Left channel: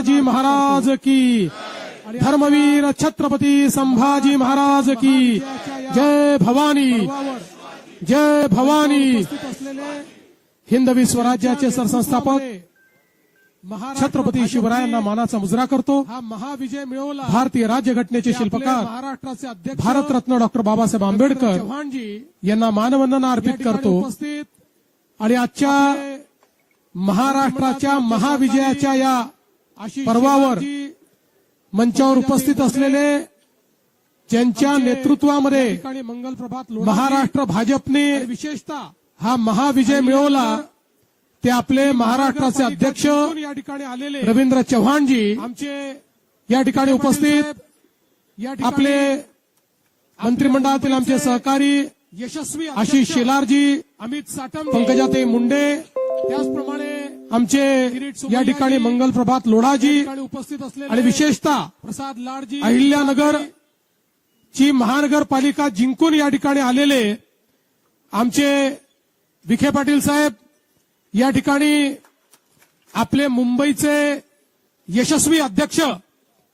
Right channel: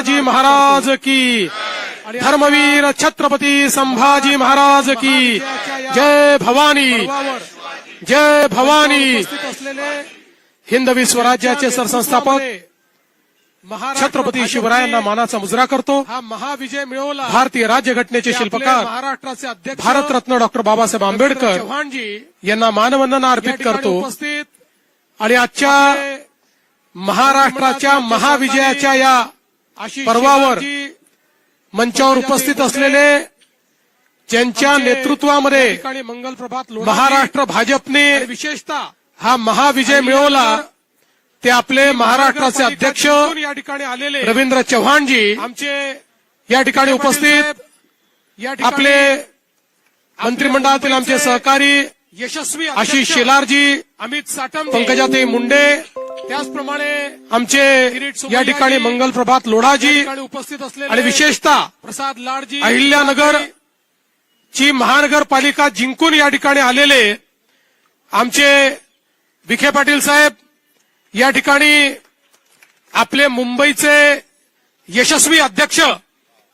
जी महाराज की, धर्मवीर छत्रपती संभाजी महाराज की जय भवानी, जय भवानी। हिंदवी स्वराज्याचे सरसंस्थापक छत्रपती शिवरायांना मानाचा मुजरा करतो। हा महाविजय मिळवला भारतीय राज्यघटनेचे शिल्पकार महाराष्ट्राचे अध्यक्ष भारतरत्न डॉक्टर बाबासाहेब आंबेडकर चव्हाणजी यांना मानवंदना अर्पित करतो। उपस्थित आणि आजच्या महाराष्ट्राच्या महाविजयाच्या या पर्वावर मंचावर उपस्थित असलेले ज्यांच्या नेतृत्वामध्ये मंगल प्रभात महाराष्ट्र भाजपने विशेषतः हा महाविजय मिळवला ते आपले महाराष्ट्राचे अध्यक्ष या ठिकाणी आलेले रवींद्र चव्हाणजी आमचे या ठिकाणी उपस्थित आपले मंत्रिमंडळातील आमचे सहकारी यशस्वी आशिष शेलारजी, अमित साटम, पंकजाताई मुंडे, त्याचप्रमाणे आमचे या ठिकाणी मंगल प्रभात लोढाजी उपस्थित असलेले आणि विशेषतः प्रसाद लाडजी, अहिल्यानगर ची महानगरपालिका जिंकून या ठिकाणी आलेले आमचे विखे पाटील साहेब, या ठिकाणी आपले मुंबईचे यशस्वी अध्यक्ष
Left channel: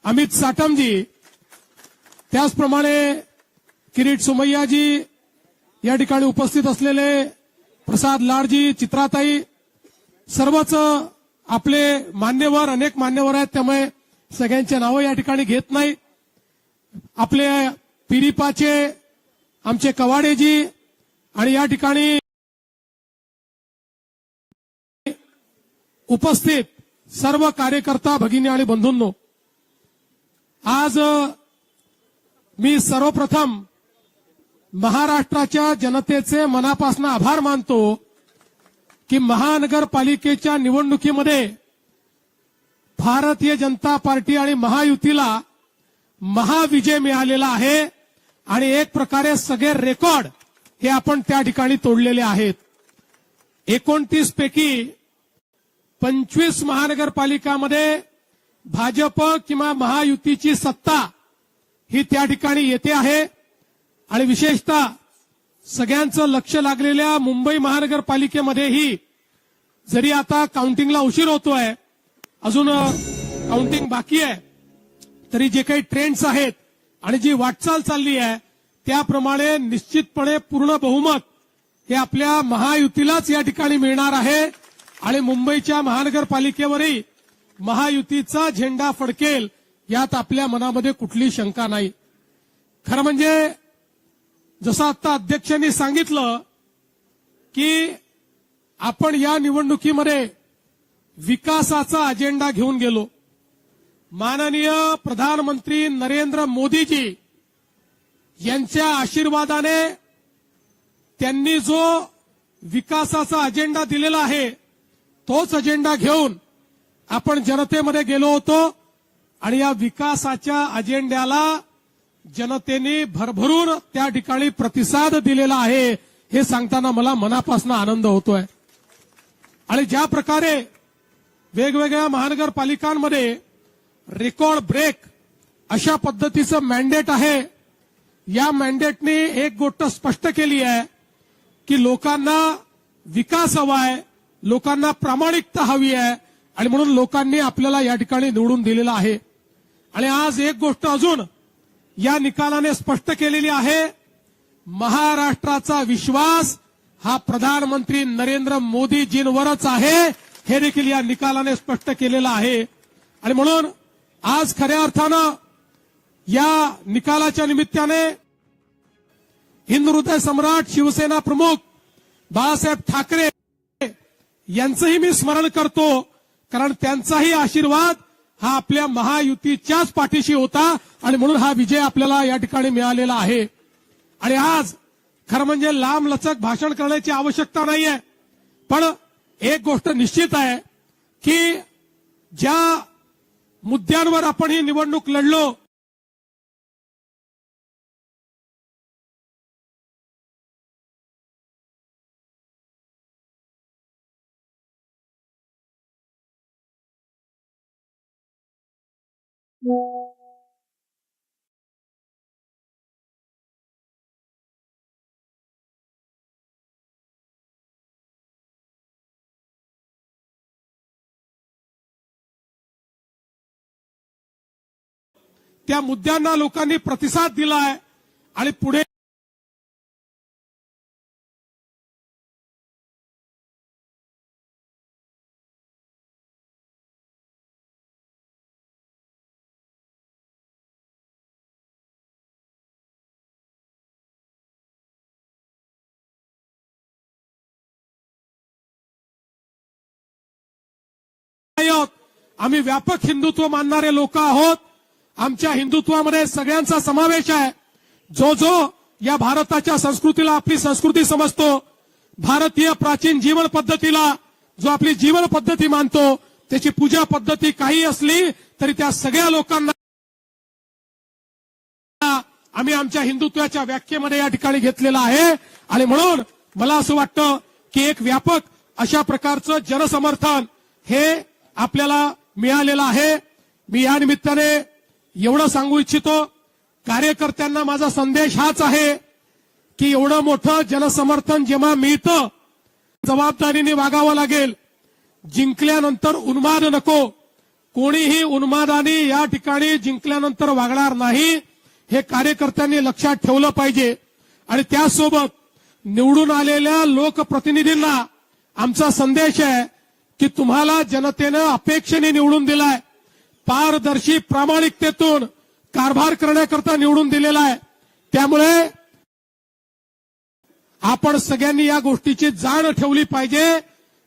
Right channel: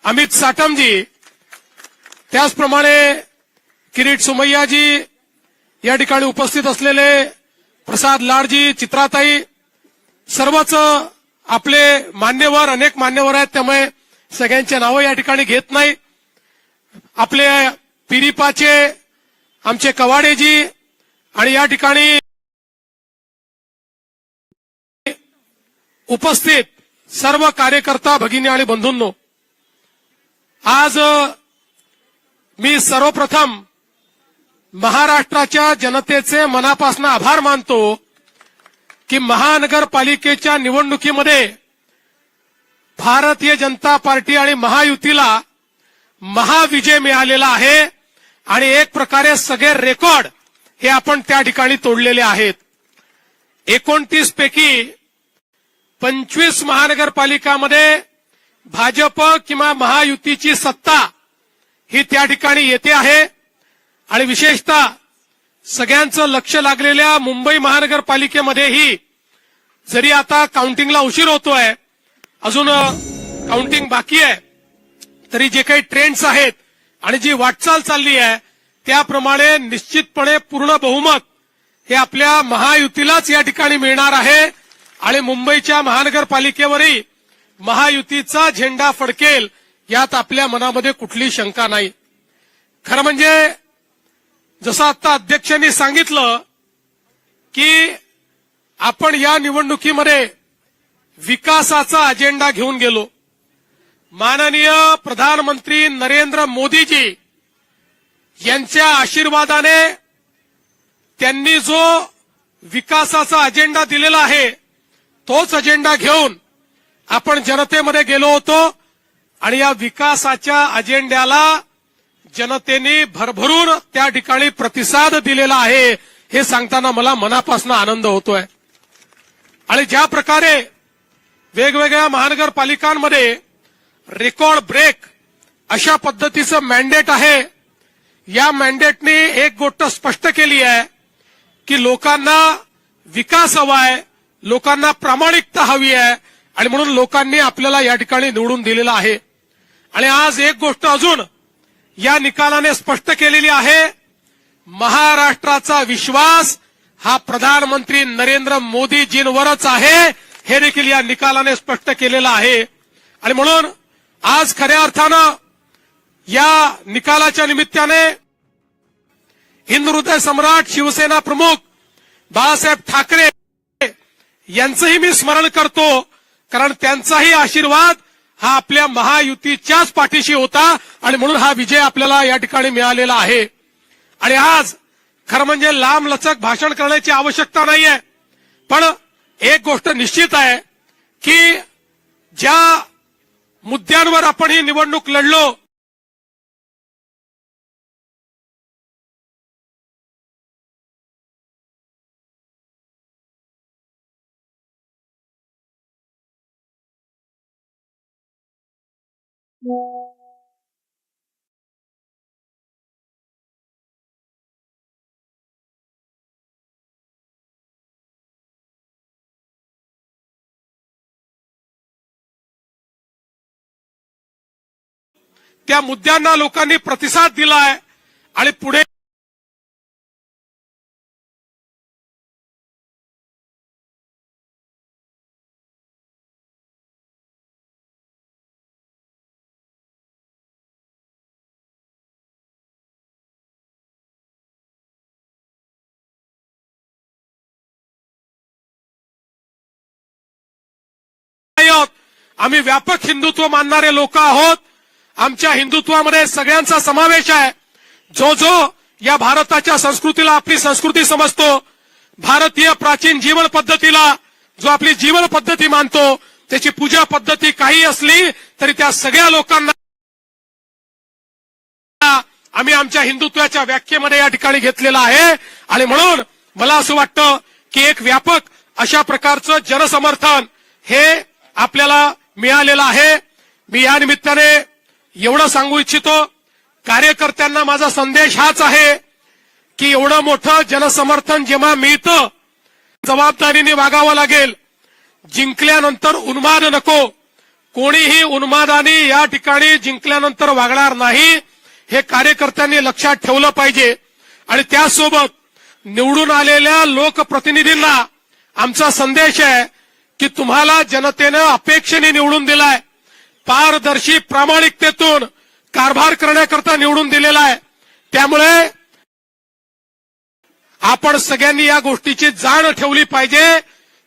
अमित साटमजी, त्याचप्रमाणे किरीट सुमय्याजी, या ठिकाणी उपस्थित असलेले प्रसाद लाडजी, चित्राताई, सर्वच आपले मान्यवर, अनेक मान्यवर आहेत, त्यामुळे सगळ्यांची नावं या ठिकाणी घेत नाही। आपले पिरिपाचे आमचे कवाडेजी आणि या ठिकाणी उपस्थित सर्व कार्यकर्ता भगिनी आणि बंधूंनो, आज मी सर्वप्रथम महाराष्ट्राच्या जनतेचे मनापासून आभार मानतो की महानगरपालिकेच्या निवडणुकीमध्ये भारतीय जनता पार्टी आणि महायुतीला महाविजय मिळालेला आहे आणि एक प्रकारे सगळे रेकॉर्ड हे आपण त्या ठिकाणी तोडलेले आहेत। 29 पैकी 25 महानगरपालिकामध्ये भाजप किंवा महायुतीची सत्ता ही त्या ठिकाणी येते आहे आणि विशेषतः सगळ्यांचं लक्ष लागलेल्या मुंबई महानगरपालिकेमध्येही जरी आता काउंटिंगला उशीर होतोय, अजून काउंटिंग बाकी आहे, तरी जे काही ट्रेंड्स आहेत आणि जी वाटचाल चालली आहे त्याप्रमाणे निश्चितपणे पूर्ण बहुमत हे आपल्या महायुतीलाच या ठिकाणी मिळणार आहे आणि मुंबईच्या महानगरपालिकेवरही महायुतीचा झेंडा फडकेल यात आपल्या मनामध्ये कुठली शंका नाही। खरं म्हणजे जसं आता अध्यक्षांनी सांगितलं की आपण या निवडणुकीमध्ये विकासाचा अजेंडा घेऊन गेलो। माननीय प्रधानमंत्री नरेंद्र मोदीजी यांच्या आशीर्वादाने त्यांनी जो विकासाचा अजेंडा दिलेला आहे तोच अजेंडा घेऊन आपण जनतेमध्ये गेलो होतो आणि या विकासाच्या अजेंड्याला जनतेने भरभरून त्या ठिकाणी प्रतिसाद दिलेला आहे हे सांगताना मला मनापासून आनंद होतोय। आणि ज्या प्रकारे वेगवेगळ्या महानगरपालिकांमध्ये रेकॉर्ड ब्रेक अशा पद्धतीचं मॅन्डेट आहे, या मॅन्डेटने एक गोष्ट स्पष्ट केली आहे की लोकांना विकास हवा आहे, लोकांना प्रामाणिकता हवी आहे आणि म्हणून लोकांनी आपल्याला या ठिकाणी निवडून दिलेलं आहे। आणि आज एक गोष्ट अजून या निकालाने स्पष्ट केलेली आहे, महाराष्ट्राचा विश्वास हा प्रधानमंत्री नरेंद्र मोदीजींवरच आहे हे देखील या निकालाने स्पष्ट केलेलं आहे। आणि म्हणून आज खऱ्या अर्थानं या निकालाच्या निमित्ताने हिंदू हृदय सम्राट शिवसेना प्रमुख बाळासाहेब ठाकरे यांचंही मी स्मरण करतो, कारण त्यांचाही आशीर्वाद हा आपल्या महायुतीच्याच पाठीशी होता आणि म्हणून हा विजय आपल्याला या ठिकाणी मिळालेला आहे। आणि आज खरं म्हणजे लांब लचक भाषण करण्याची आवश्यकता नाहीये, पण एक गोष्ट निश्चित आहे की ज्या मुद्द्यांवर आपण ही निवडणूक लढलो त्या मुद्द्यांना लोकांनी प्रतिसाद दिलाय आणि पुढे आम्ही व्यापक हिंदुत्व मानणारे लोक आहोत. आमच्या हिंदुत्वामध्ये सगळ्यांचा समावेश आहे. जो जो या भारताच्या संस्कृतीला आपली संस्कृती समजतो, भारतीय प्राचीन जीवन पद्धतीला जो आपली जीवन पद्धती मानतो, त्याची पूजा पद्धती काही असली तरी त्या सगळ्या लोकांना आम्ही आमच्या हिंदुत्वाच्या व्याख्येमध्ये या ठिकाणी घेतलेला आहे. आणि म्हणून मला असं वाटतं की एक व्यापक अशा प्रकारचं जनसमर्थन हे आपल्याला मिळालेलं आहे. मी या निमित्ताने एवढं सांगू इच्छितो, कार्यकर्त्यांना माझा संदेश हाच आहे की एवढं मोठं जनसमर्थन जेव्हा मिळतं, जबाबदारीने वागावं लागेल. जिंकल्यानंतर उन्माद नको. कोणीही उन्मादाने या ठिकाणी जिंकल्यानंतर वागणार नाही, हे कार्यकर्त्यांनी लक्षात ठेवलं पाहिजे. आणि त्यासोबत निवडून आलेल्या लोकप्रतिनिधींना आमचा संदेश आहे की तुम्हाला जनतेनं अपेक्षेने निवडून दिलाय, पारदर्शी प्रामाणिकतेतून कारभार करण्याकरता निवडून दिलेला आहे. त्यामुळे आपण सगळ्यांनी या गोष्टीची जाण ठेवली पाहिजे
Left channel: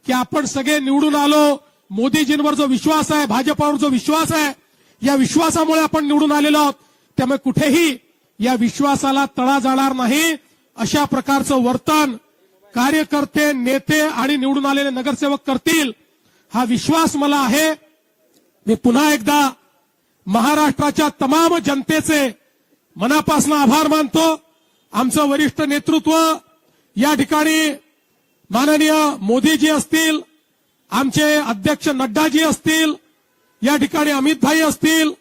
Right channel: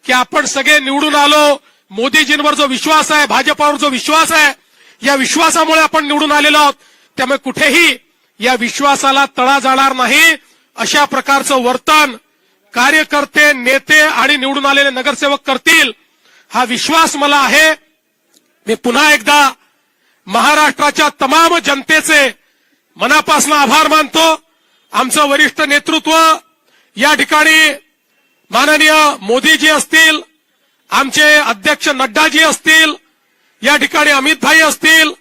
की आपण सगळे निवडून आलो. मोदीजींवर जो विश्वास आहे, भाजपावर जो विश्वास आहे, या विश्वासामुळे आपण निवडून आलेलो आहोत. त्यामुळे कुठेही या विश्वासाला तडा जाणार नाही. अशा प्रकारचं वर्तन कार्यकर्ते, नेते आणि निवडून आलेले नगरसेवक करतील, हा विश्वास मला आहे. मी पुन्हा एकदा महाराष्ट्राच्या तमाम जनतेचे मनापासून आभार मानतो. आमचं वरिष्ठ नेतृत्व या ठिकाणी माननीय मोदीजी असतील, आमचे अध्यक्ष नड्डाजी असतील, या ठिकाणी अमित भाई असतील,